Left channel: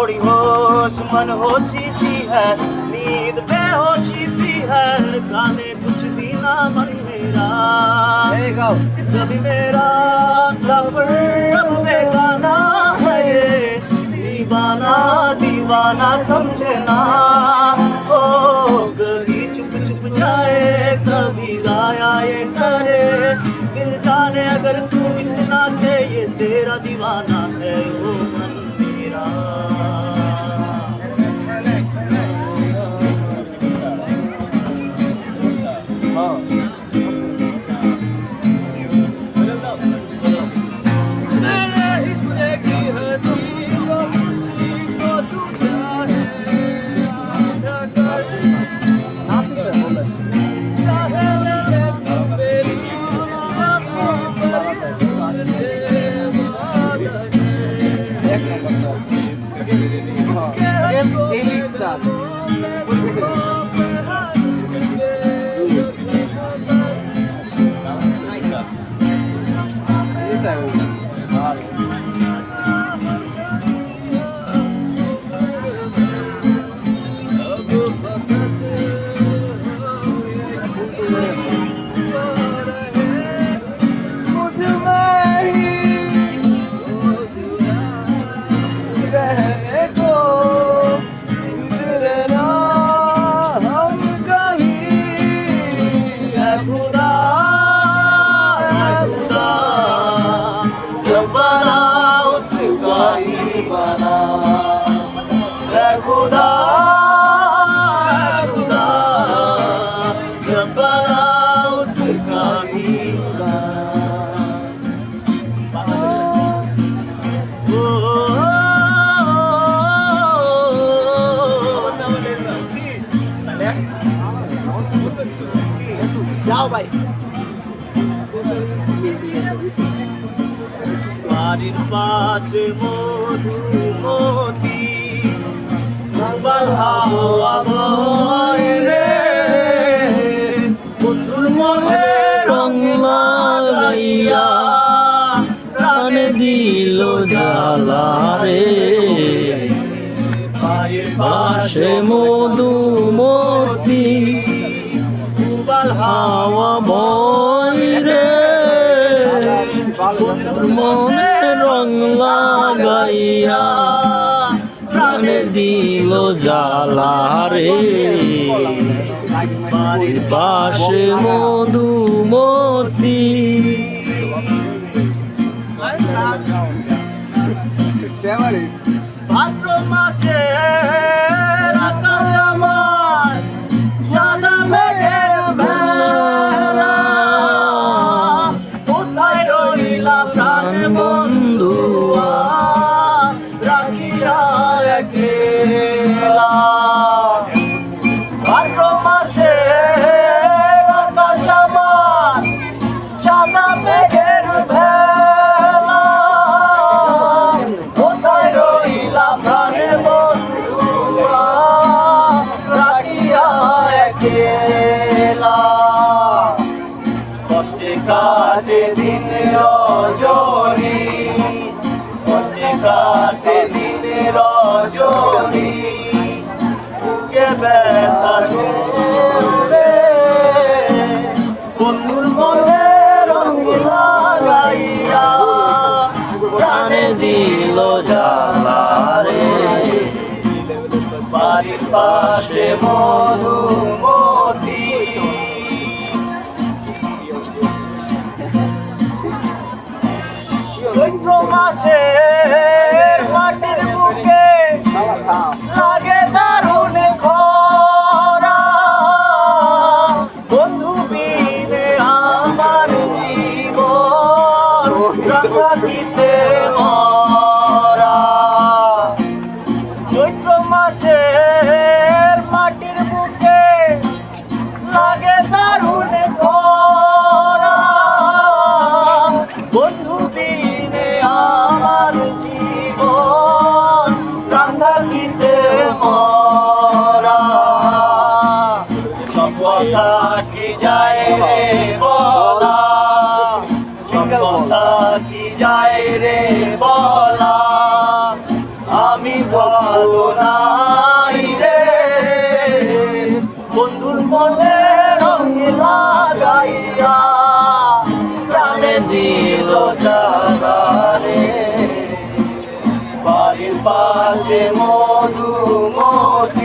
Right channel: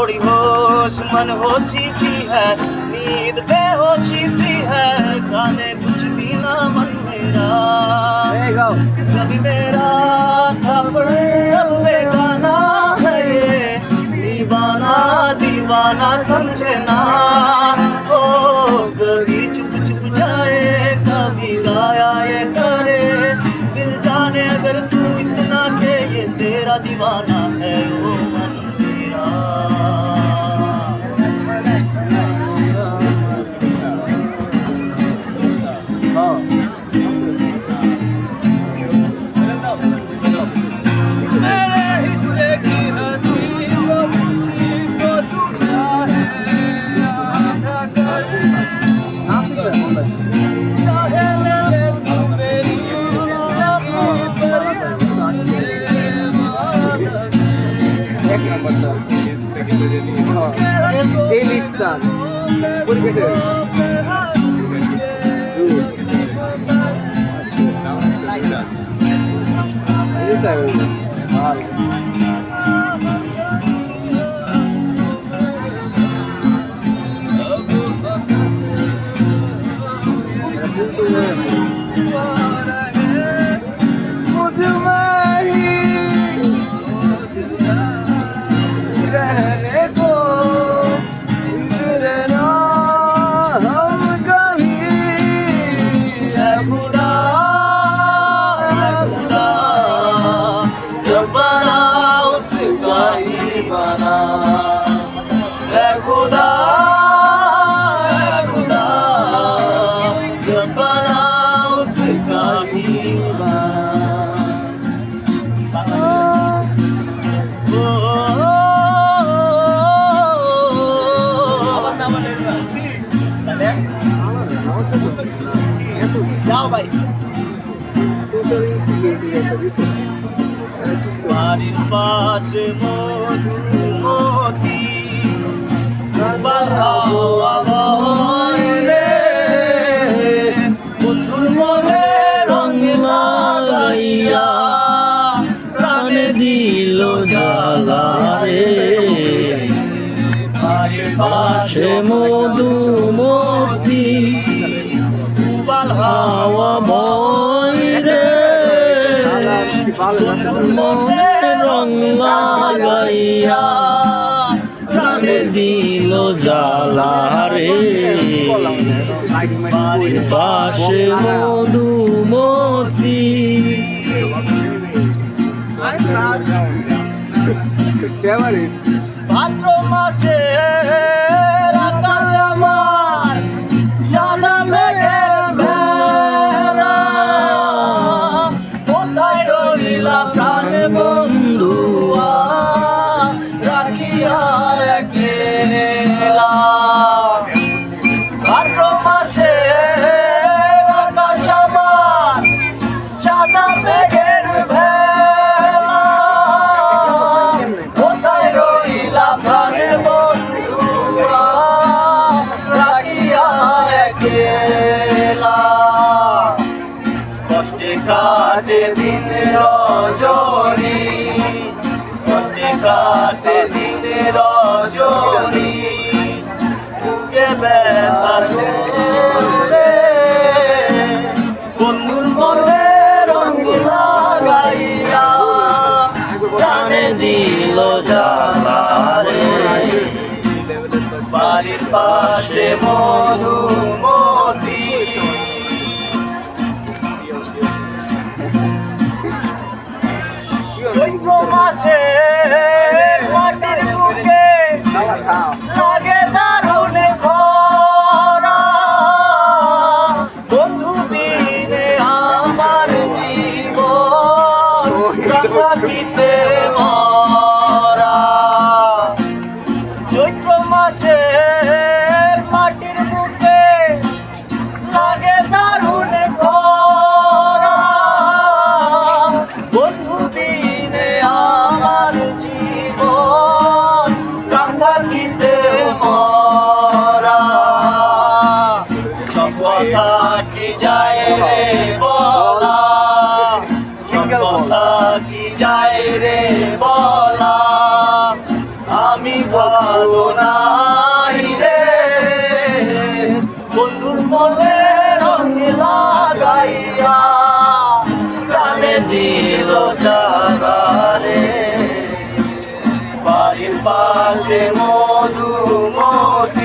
थोड़ी होश मन होशी सी है, नींद बेहोशी सी है, गाने कुछ भी ना मन मेरा रब मेरा तब रब में गाना है ये, दीवाना दीवाना समझे ना। ओ कभी चुप चुप जाए कभी गाया ये करे, दिल जाने अगर तू इतना के ये तेरा दीवाना है वो मेरा। বাড়ির পাশে মধুমতি রে, বন্ধুর মনে রং লাগাইয়া প্রাণে দিল জ্বালা রে। বাড়ির পাশে মধুমতি হাওয়া বয় রে, মনে রং লাগাইয়া প্রাণে দিল জ্বালা রে। বাড়ির পাশে মধুমতি। ভাদ্র মাসে কষ্টে কাটে দিন রজনী, কষ্টে কাটে দিন রজনী, বুকে ব্যথার রে, বন্ধুর মনে রং লাগাইয়া প্রাণে দিল জ্বালা রে। বাড়ির পাশে মধুমতি। চৈত্র মাসে মাটির বুকে লাগে দারুণ খরা, বন্ধু বিনে আমার জীবন প্রাকৃতিতে মরা। চৈত্র মাসে মাটির বুকে লাগে দারুণ খরা, বন্ধু দিনে আমার পাশে মধুমতি